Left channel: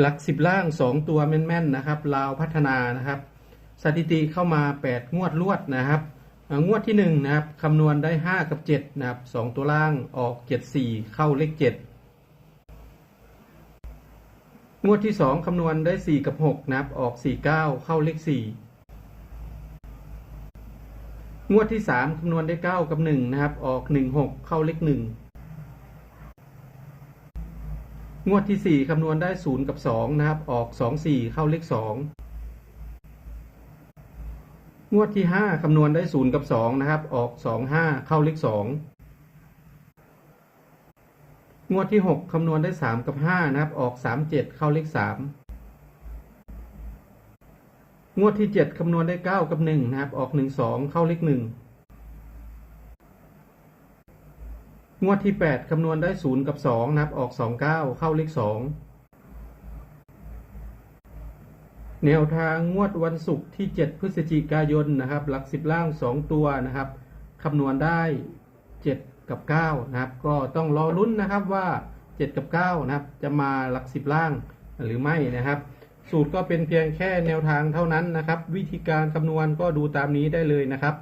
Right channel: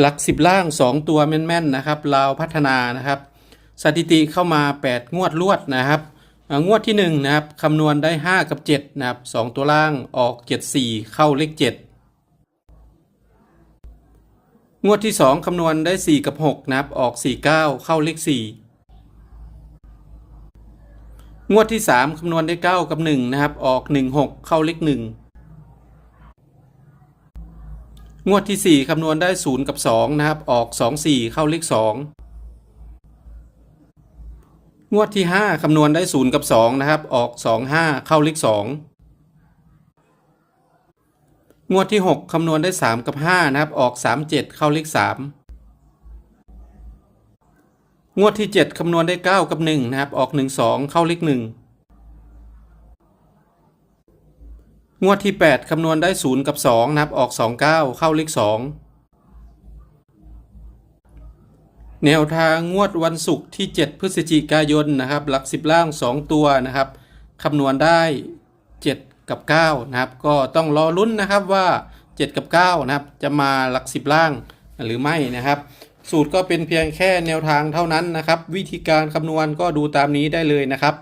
หลักสิบล่าง 2 ตัวแม่นๆนะครับลาพัฒนานะครับ สถิติเข้ามา 8 งวดรวดนะครับ งวดที่1นะครับคำนวณได้ 5 กับ 7 นะครับ 2 ตัวล่างออก 7 4 เข้าเลข 7 งวดที่ 2คำนวณได้ 4 กับ 6 นะครับ ออก 4 9 เข้าเลข 4 งวดที่ 3คำนวณได้ 9 กับ 1 นะครับ ออก 1 6 เข้าเลข 1 งวดที่ 4 คำนวณได้ 0 กับ 2 นะครับ ออก 2 4 เข้าเลข 2 งวดที่ 5 คำนวณได้ 0 กับ 2 นะครับ ออก 2 5 เข้าเลข 2 งวดที่ 6 คำนวณได้ 3 กับ 5 นะครับ ออก 3 7 เข้าเลข 3 งวดที่ 7 คำนวณได้ 9 กับ 1 นะครับ ออก 1 2 เข้าเลข 1 งวดที่ 8 คำนวณได้ 0 กับ 2 นับออก 2 9 เข้าเลข 2 แนวทางงวดวันศุกร์ที่ 7 พฤศจิกายนนะครับ หลัก 10 ล่าง 2 ตัวนะครับคำนวณได้ 7 กับ 9 นะครับ ก็ต้องรอลุ้นนะครับว่า 7 กับ 9 นะครับ จะมาหลัก 10 ล่างหรือไม่นะครับ สูตรก็เป็นเพียงแค่แนวทางเท่านั้นนะครับ วิธีการคำนวณก็ดูตามนี้ได้เลยนะครับ